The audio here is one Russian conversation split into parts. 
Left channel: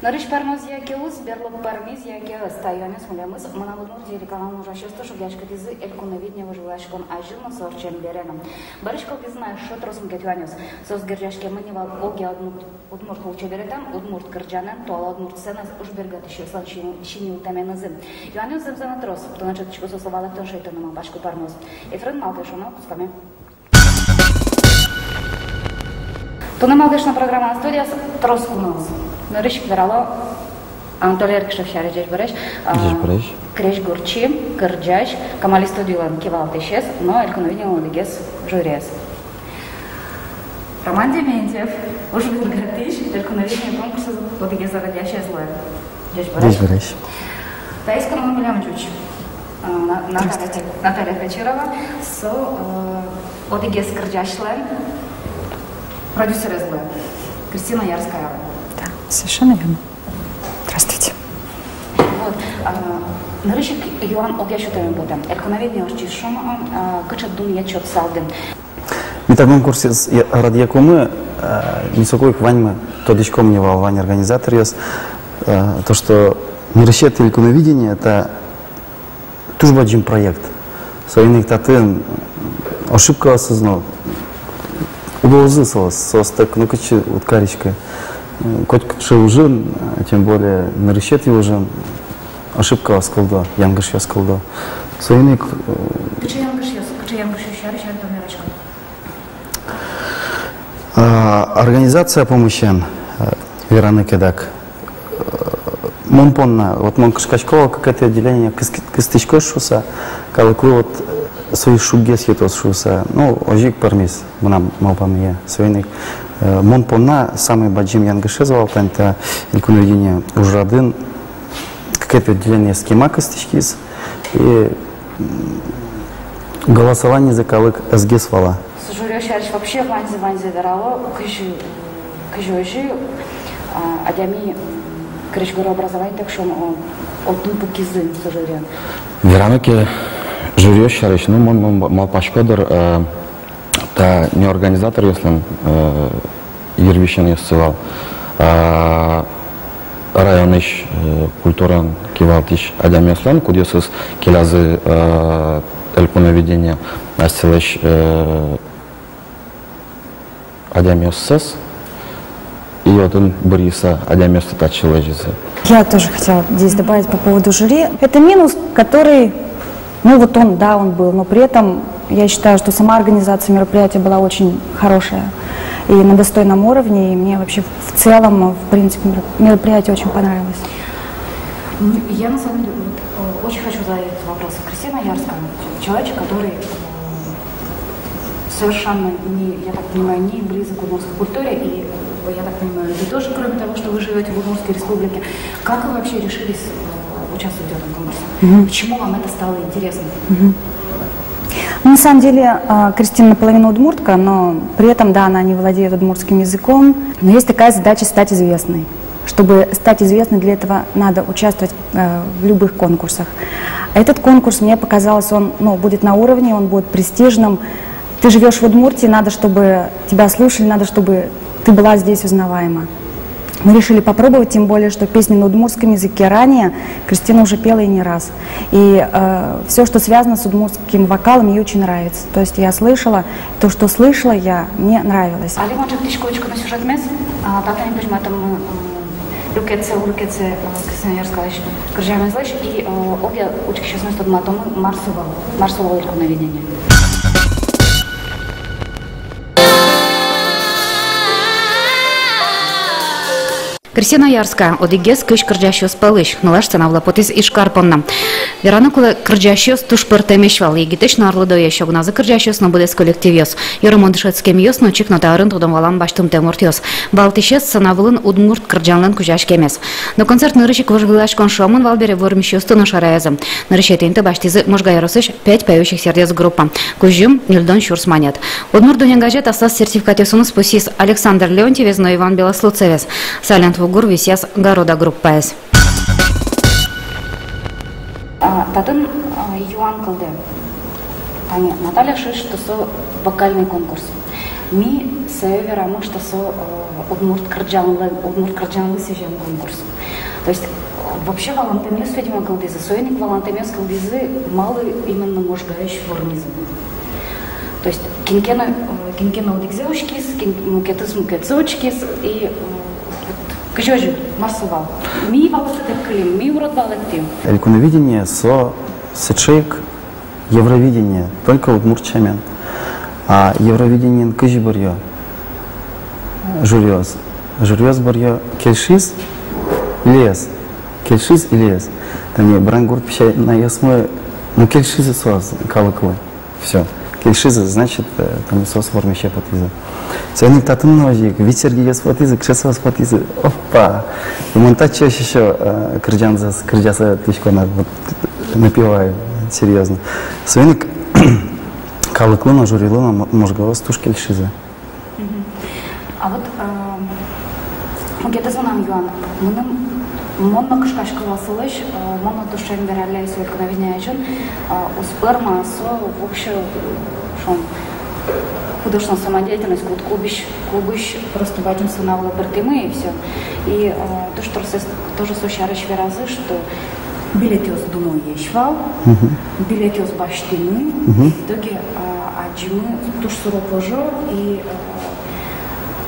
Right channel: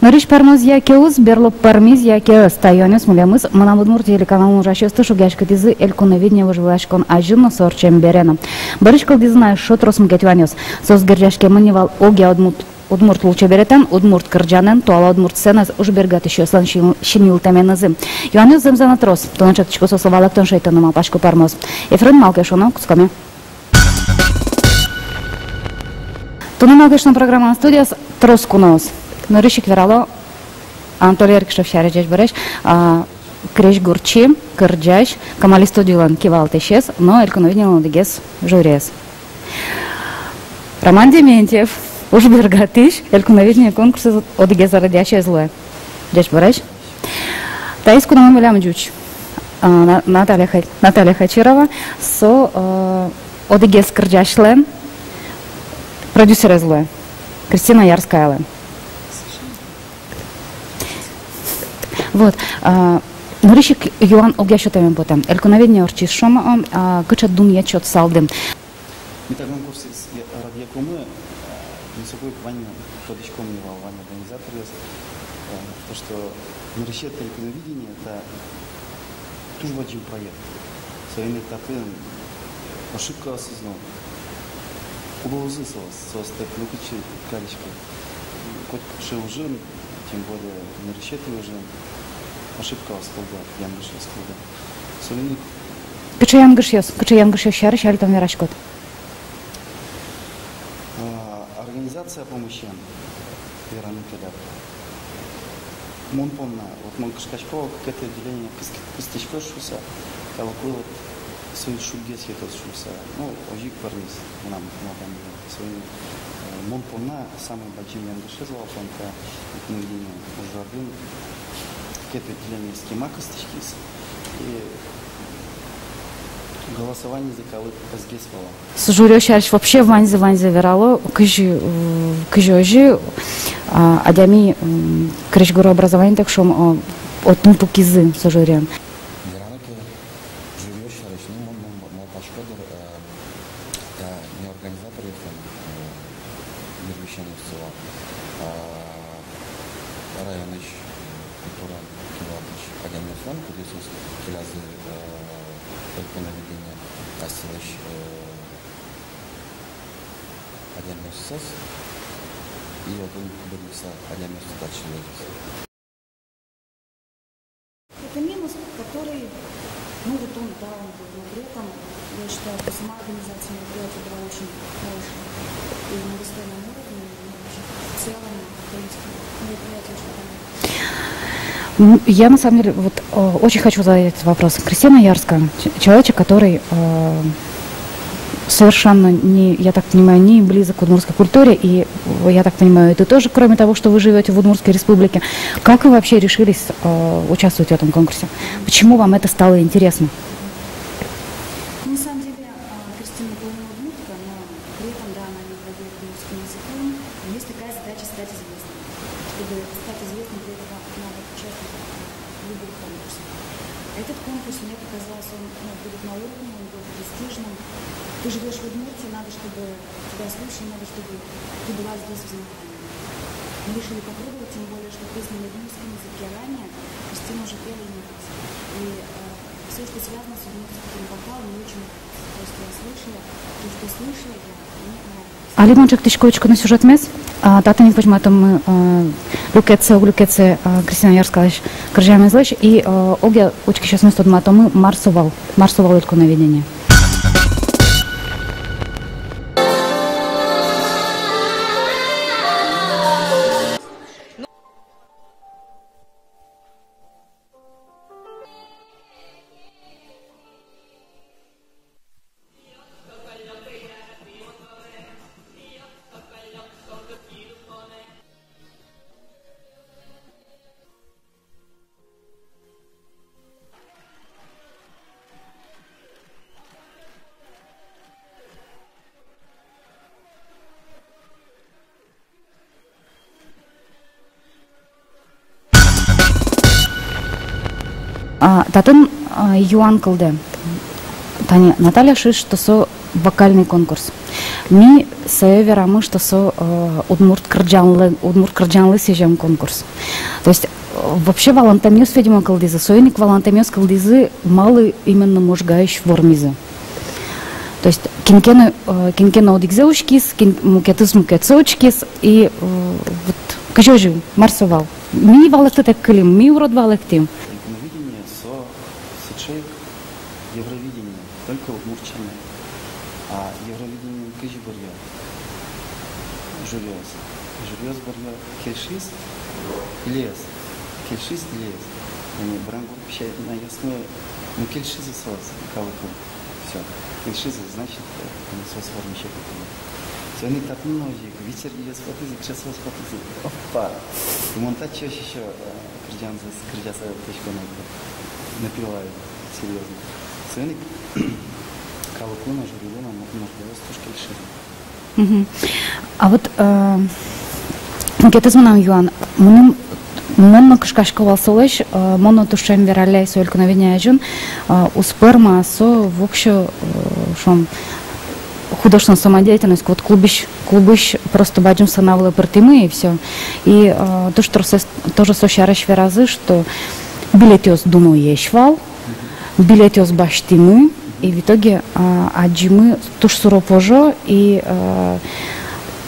Нориш пармоз якеуз, берлоп пармиз якеуз, тайонес мулямыз, манамудмур телеканалын жашесты шугашкатизы элькуновидня выживашкон ажинно сорчем берена. Барышкал дизна шот росм кетванес, соз гержашке манивал оге удмурт лучше беретен, удмурт кырджанен, туала удмурт сцена уж бергат еще слан шинил таменазы. Юанес земзана трос, тончаточку сосовалак тон шейтанома пашку пармоз. Ефрен малкешоно кусками. Тунаналдышна программа студия трос кунаус. Норишик верало Анатолий Эркишев шарежеш береш, креш гурчи, кырджаш, камали студиолан кивал тешес, но элькуновиднил надегес журес. Роман Дементьев, уж бергатиш, элькуновиднил конкурсы одегес радиаче злое. Деш береш? Таис кунам милям джуч. Наталья Хачирова со одегес кырджашлен, продюсер злое. Кристина Ярская. Совершенно верно. Здравствуйте. Вот. Норишик Юан огяшотами потом. Элькуновидня орчис шома, кычат дун ячот салдем. Мы так конкурсе радиакомы, нисокой кваньмы, тодичком мне вань организатор есть, то что неращет элькуновидение это тоже баджим проект. Союзник таты ошибка осознал. Угрозы состак, ну качи уткаричка. Коть уже, тем более на решете уже ошибка осколда, янгаш осколда. Союзник. Качи янгаш шариш, аль там верашкот. Организация помощи Вераны Кедак. Монпонна, вот Монкашкачкова какое-то отделение кыстычкошуса, как вот свои шугес етосшуса, ну ожик пармис, нам малпамия, союзник. Монпонна самый баджим янгашезовал, это элькуновидение уже один, какое-то отделение схема костычкис и голосование за калык сгесвала. Сужурёш вообще ванзе верало, кыжи адями крышгуру образование так шум от нутукизы сужурен. Вераныке журёш ну мал пашкодер. Та не организатор, если Ервишен естивал, районыш культуран кивалтиш адамеслан, кудесыз келазы элькуновидение астилыш адамессыз, и один Бориса адаместы тачилыжизы. Я тоже хотела здесь добавить по поводу жюри. Это минус, который, ну вот он, да, он был, но при этом я считаю, что сама организация мероприятия была очень хорошая и на достойном уровне, и мне вообще в целом, в принципе, мероприятие очень понравилось. Я на самом деле вот, очень хочу задать этот вопрос. Кристина Ярская, человек, который совершенно, не, я так понимаю, не близок к удмуртской культуре, и я так понимаю, это тоже, кроме того, что вы живете в Удмуртской республике. Как вы вообще решились участвовать в этом конкурсе? Почему вам это стало интересно? На самом деле, Кристина наполовину удмуртка, но при этом, да, она не владеет удмуртским языком. Но есть такая задача стать известной. Чтобы стать известной, для этого надо участвовать в любых конкурсах. А этот конкурс, мне показалось, он будет на уровне, он будет престижным. Ты живешь в Удмуртии, надо, чтобы тебя слушали, надо, чтобы ты была здесь узнаваема. Мы решили попробовать, тем более, что песни на удмуртском языке ранее Кристина уже пела и не раз. И все, что связано с удмуртским вокалом, ей очень нравится. То есть я слышала, то, что слышала я, мне нравилось. А Лимончик тишковочку на сюжет мес, татами почему там люкеце Кристина Ярская крыжаем излечь, и оге очки сейчас мы студматом марсовал элькуновидение. Кристина Ярская, одигес кыш кырджашёс палыш, нулаш цанавла потис ишкарпонна. Веранукулы кырджашёс туш пыртемешвал, егитеш нарлыдоя шогназы кырджашёс, но будес коллективёс. Юрымон дышецкем ёс, но чик нотарын тудом валан баштым темуртёс. Балтишес цанавлын удмурт кырджанлын кужаш кемес. Но концерт нырышик вожглаш коншомын валбере вормишёс туну шараязым. Нырышетенте баштизы можгайросыш 5 поющих сердец группа. Кужым нильдон шурс манет. Удмурт дунянгажет остас сертификатесунус пусис Александр Леонтьевец, но Иван Белослуцевец. Салент Вугур висяс города группа С. Татын Юан Кылде. Наталья Шиш, что со вокальный конкурс. Ми се верамы, что со удмурт кырджанлы сижем конкурс. То есть вообще валантамиус федима калдизы, сойник валантамиус калдизы малы именно можгающ вормизы. То есть кинкена одигзеушкис, мукетыз мукетсочкис и вот кажожи марсовал. Ми валакты так кылим, ми урод валактим. Элькуновидение со сечейк Евровидение только удмуртчамен. А Евровидение кыжи барьё. Журёз барьё кельшиз лес. Кельшиз и лес. Там я брангурт пищай на ясмой, ну кельшизы соз калыклы. Все. Кельшизы значит там сос формище потизы. Сегодня татын ножик, ветерги яс потизы, кшесос потизы. Опа. И монтаж чаще еще кырджаса тычко вот напивает серьезно. Сегодня калыклы на журилы на можгалос туш кельшизы. А вот кетез мынам юан, мунун кышкашкы валсылыш, моно тушем вераляй сольку наведня жун, у сперма со вообще шон художественная самодеятельность, вот клубыш просто баджим санавла партимы и все. И то, что тоже сощарыш веразы, что билетёс думаю ешвал, билетёс баштимы, и в итоге аджимы туш суропожо и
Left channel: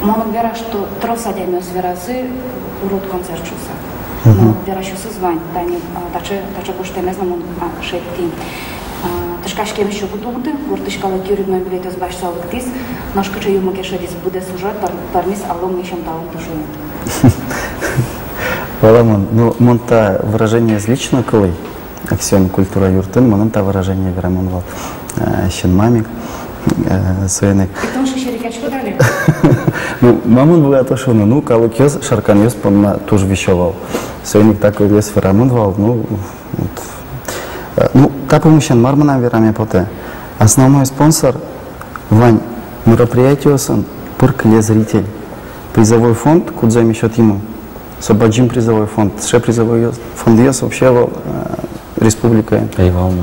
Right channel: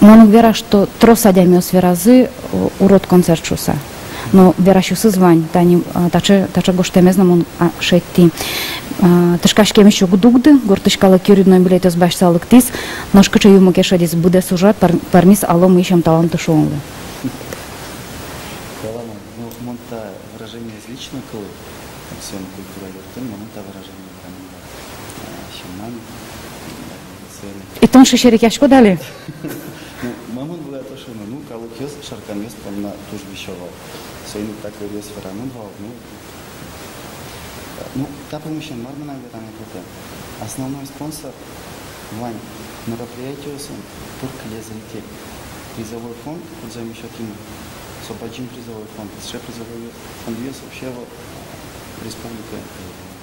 мону вера, что трос адямиос веразы урод концерт шуса. Но верашусы звань, таче гоштемезна мон шетти. Тышкашкем еще гудугды, гортышкала кюридной билетёс башсалык тис, ношкача юму кешадис буде сужат, пармис алом ищем таланту шоу. Валамон, ну, монта выражение из личного колы, аксиом культура юртын, монта выражение верамонвал, щен мамик, своены. И тон шишерикячку дали? Ну, мамон была то, что ну, калык ёс, шаркан ёс, помна, тоже вещевал. Своены так ёс верамонвал, ну, так помощен мармана верами поте. Основной спонсор, Вань, мероприятие сон, пыркле зритель. Призовой фонд, куда замещет ему. Собаджим призовой фонд, ше призовой фонд ес вообще республика. Айвална.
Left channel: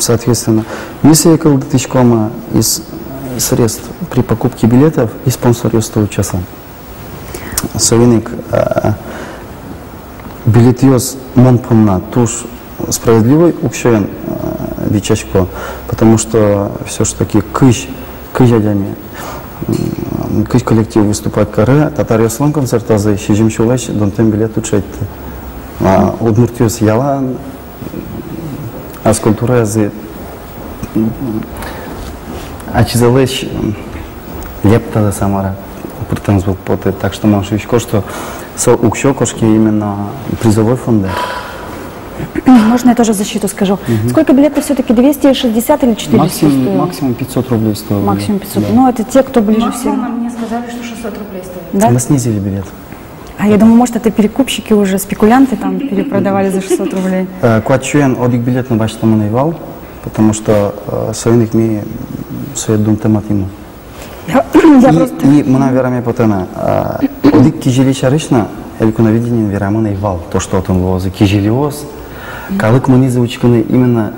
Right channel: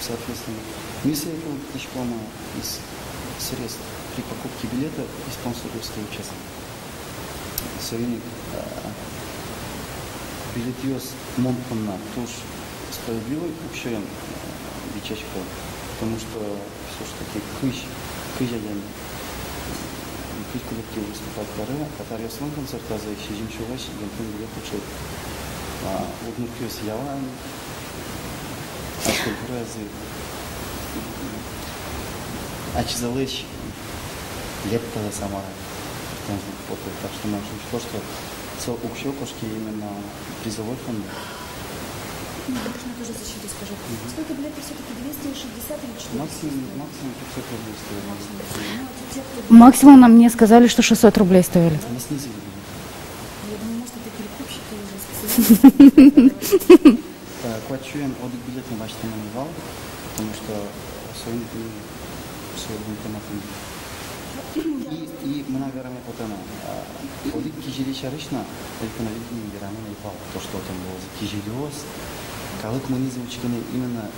Соответственно, если я колду тычкома из средств при покупке билетов и спонсор ес 100 часа. Совиник билет ес монпомна туш справедливый укшен бичачко, потому что все ж таки кыжадями. Кыш коллектив выступает каре, татар яслан концерт азы, шижим шулаш, донтем билет учать. А удмуртиос яла, а скульптура азы, а чизалеш лепта за самара, претензбук поты, так что можешь еще что со укшо кошки именно призовой фонд. Можно я тоже защиту скажу? Сколько билетов все-таки? 260 или 400? Максимум 500 рублей стоит. Максимум 500. Ну, это те, кто бы... Максимум нам мне сказали, что 600 рублей стоит. Да? Мы снизили билет. А я думаю, может, это перекупщики уже, спекулянты там перепродавали за 600 рублей. Квачуен одик билет на баш там наивал, потому что современник ми своет дум тематиму. И мы наверное потом одик кижили шаришна, эльку навидение верамо наивал. То, что он возы кижилиоз. Калык мы не заучканы именно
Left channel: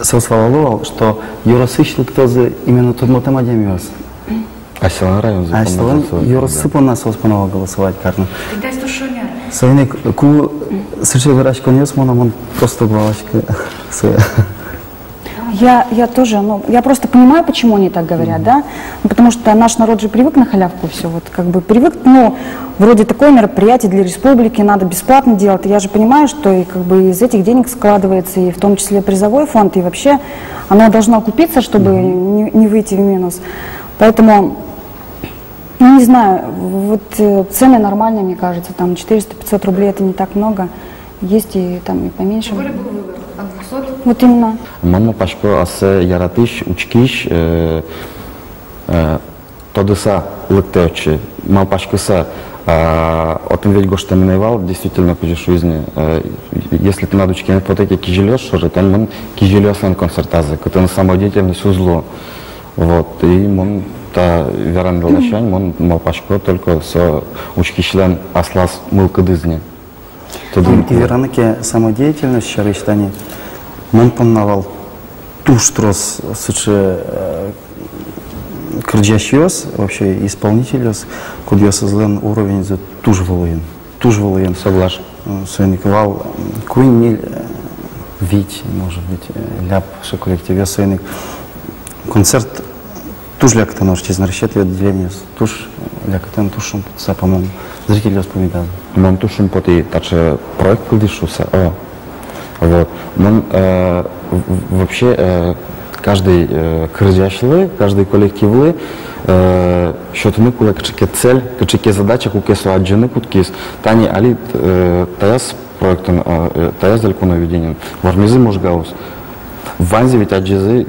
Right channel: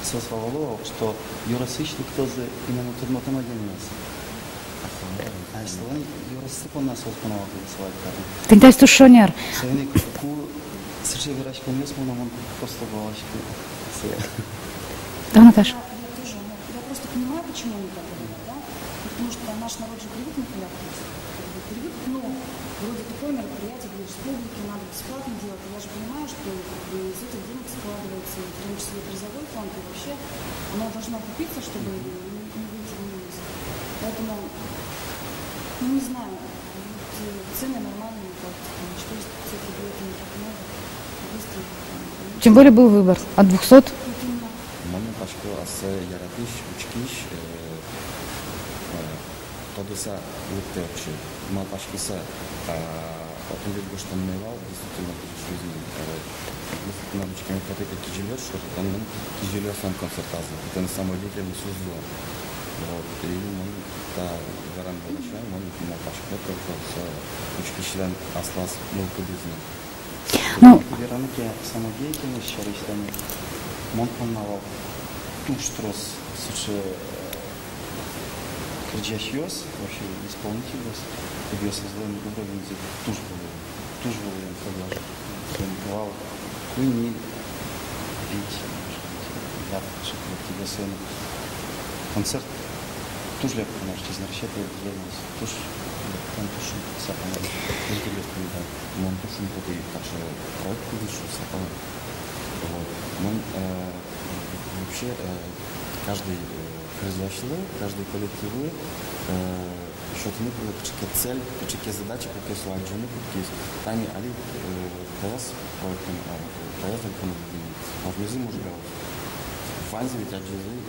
сосваловал, что юросышлык тоже именно тот мотомадемиоз. А силан район А силан юросыпан нас воспановал голосовать карну. Тогда есть тушонер. Современник, ку сырче выращка нес, он просто главочка своя. Я тоже, ну, я просто понимаю, почему они так говорят, да, потому что наш народ же привык на халявку все, вот как бы привык, ну, вроде такое мероприятие для республики надо бесплатно делать, и я же понимаю, что и как бы из этих денег складывается и в том числе призовой фонд, и вообще оно должно окупиться, чтобы не выйти в минус, поэтому, ну, не знаю, вот цены нормальные, мне кажется, там 400-500 рублей это не так много. Есть и там и поменьше. Тем более был выбор от 200. Вот именно. Мама пашко асе яратыш учкиш тодыса лыктеочи. Мал пашкыса отын ведь гошта минайвал действительно кuješ жизни. Если ты надо учкин потеки кижелёс шоры, тен мон кижелёсан концертазы, который самодеятельность узло. Вот и мон та веран долашань, мон мал пашко только со учкишлен аслас мылкыдызни. И вераныке самодеятельность шарыштани, мон помнавал туш трос суче кырджащиос, вообще исполнителес, куда создан уровень за туж волоен. Согласен. Свойниковал куйни вить, может быть, ляп, что коллективе свойник. Концерт туж ляк-то нож, честно расчет отделение, туж ляк-то тушом, по-моему, зрители вспоминали. Мон тушим поти, таче проект кылдышуса. Вот. Мон вообще каждый кырджашлы, каждый коллективлы, что-то мы кулак чеке цель, чеке задача, куке суаджины куткис. Тани али таяс проектом, таяс далеко наведением. Вармизы можгаус. Ванзи ведь аджизы,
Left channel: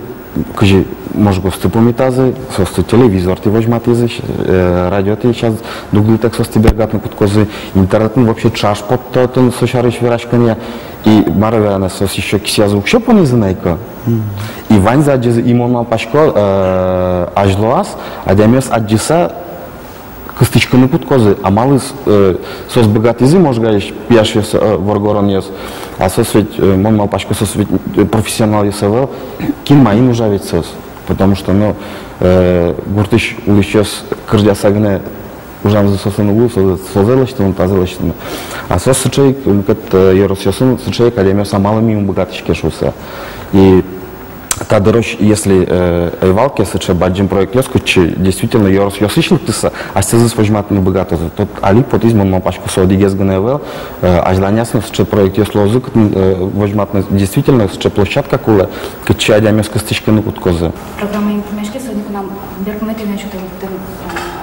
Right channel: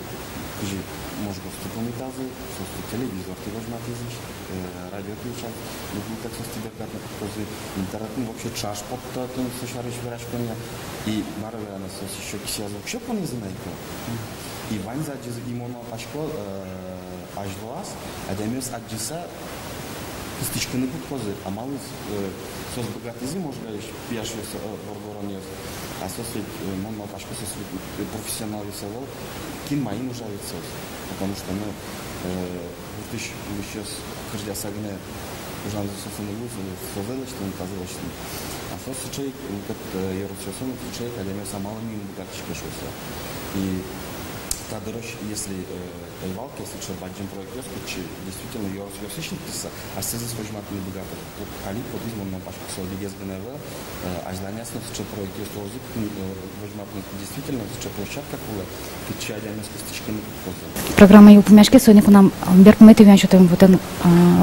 кажи можгу стыпомитазы, состы телевизор ты возьматизы, радио ты сейчас дугли так состы бергатны куткозы, интернет вообще чаш под тотен сушарыш вирашкания. И маравяна сос еще кисязу еще понизанайка. И ванза аджизы имона пашко ажлоас, адямес аджиса кыстычканы куткозы, а малый сос богатизы можгаешь пьяшес воргоронес, а сос ведь мон мал пашко сос ведь профессионал есавел, кин маин уже ведь сос, потому что ну гуртыш улещес кырдясагне ужам сосны улу созелочтын тазелочтын. А сос сычей как еросёсын сычей академия самалами богатышке шуса. И та дорож, если эйвалки сыче баджим проект ёску, че действительно еросёсышлы тыса, а сезыс возьматны богато. Тот али потизмон мапашку содигез гневел, ажданясно сыче проект ёслозык возьматны действительно сыче площадка куле, кыче адямёска стычканы куткозы. Программа юпмешки сегодня к нам беркмети вянчутым вот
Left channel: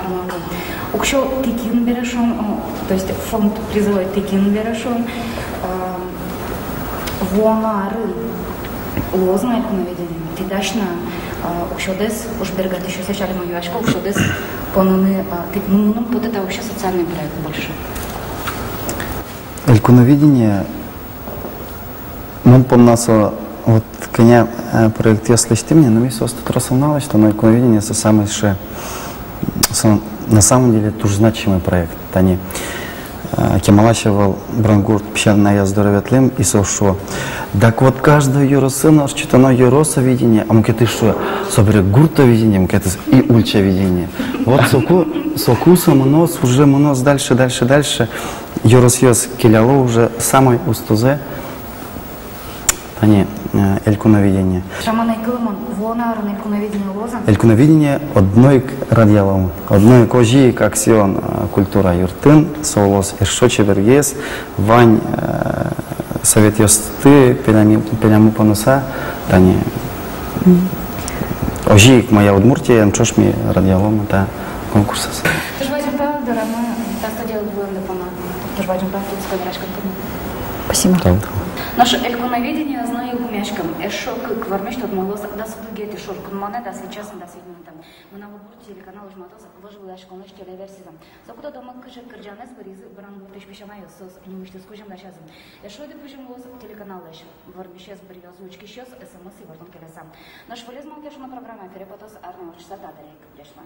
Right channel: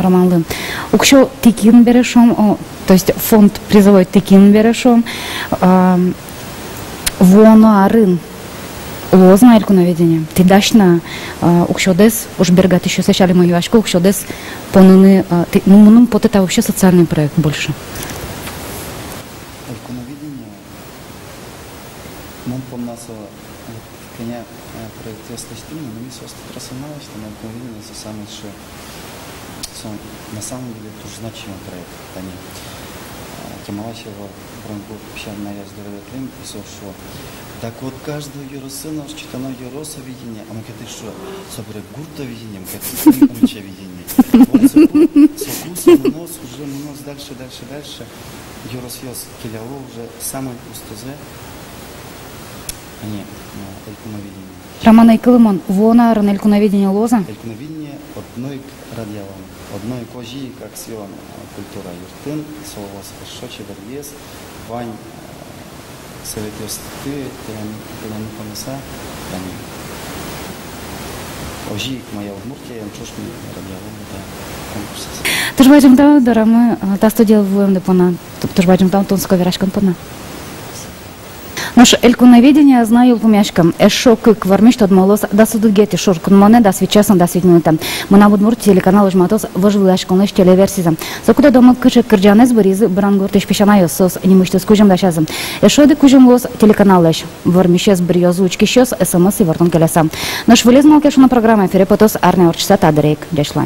романган. Укшо тикин берешом, то есть фонд призовой тикин берешом, воно арын. Лозна элькуноведение. Ты дашна укшодес уж бергат еще сначала мою ашку укшодес понуны ну вот это вообще социальный проект больше. Элькуноведение мы помнасо вот коня проект если ты мне, но мне состав рассознало, что на элькуноведение это самый ше на самом деле тоже значимый проект. Тани Кемалашевал Брангурт пищальная здоровятлым и сошо. Так вот каждый юросына, что-то на юросоведение, а мы-ка ты что, собери гуртоведение, мы-ка это и ульчаведение. Вот сокусом монос, уже монос дальше. Юросьёс келяло уже самой устузе, они элькуноведение. Роман Айкылымон, вона ран элькуноведение лоза? Элькуноведение одной радиалом, одной кожи, как сион культура юртын, солос эшочи вергес, вань совет ёсты, пеняму понуса, тани. Ожи моя Удмуртия, мчош ми радиалом, это конкурс. Ты ж бачим там, дорамы, та студия в пона, ты ж бачим там, тонская вирашка пона. Спасибо. Наш элькуноведение знаю помяшкам. Эшок квармиш отмолос да судугети шоркун моне да свечасан да свитнута. Мына Удмурт телеканал жматос вожвлаш конеш телеверсиза. Закуда дома кыжы кырджанез бриз брангуртыш пешанайо сос немыштыс кужам дашазым. Эшоды кужам лос телеканалеш. Вармишес бриозучки щос СМС и вартон келеса. Наш вылезмал кешуна программа ферепотос арне орчса тадрейк. Дешла.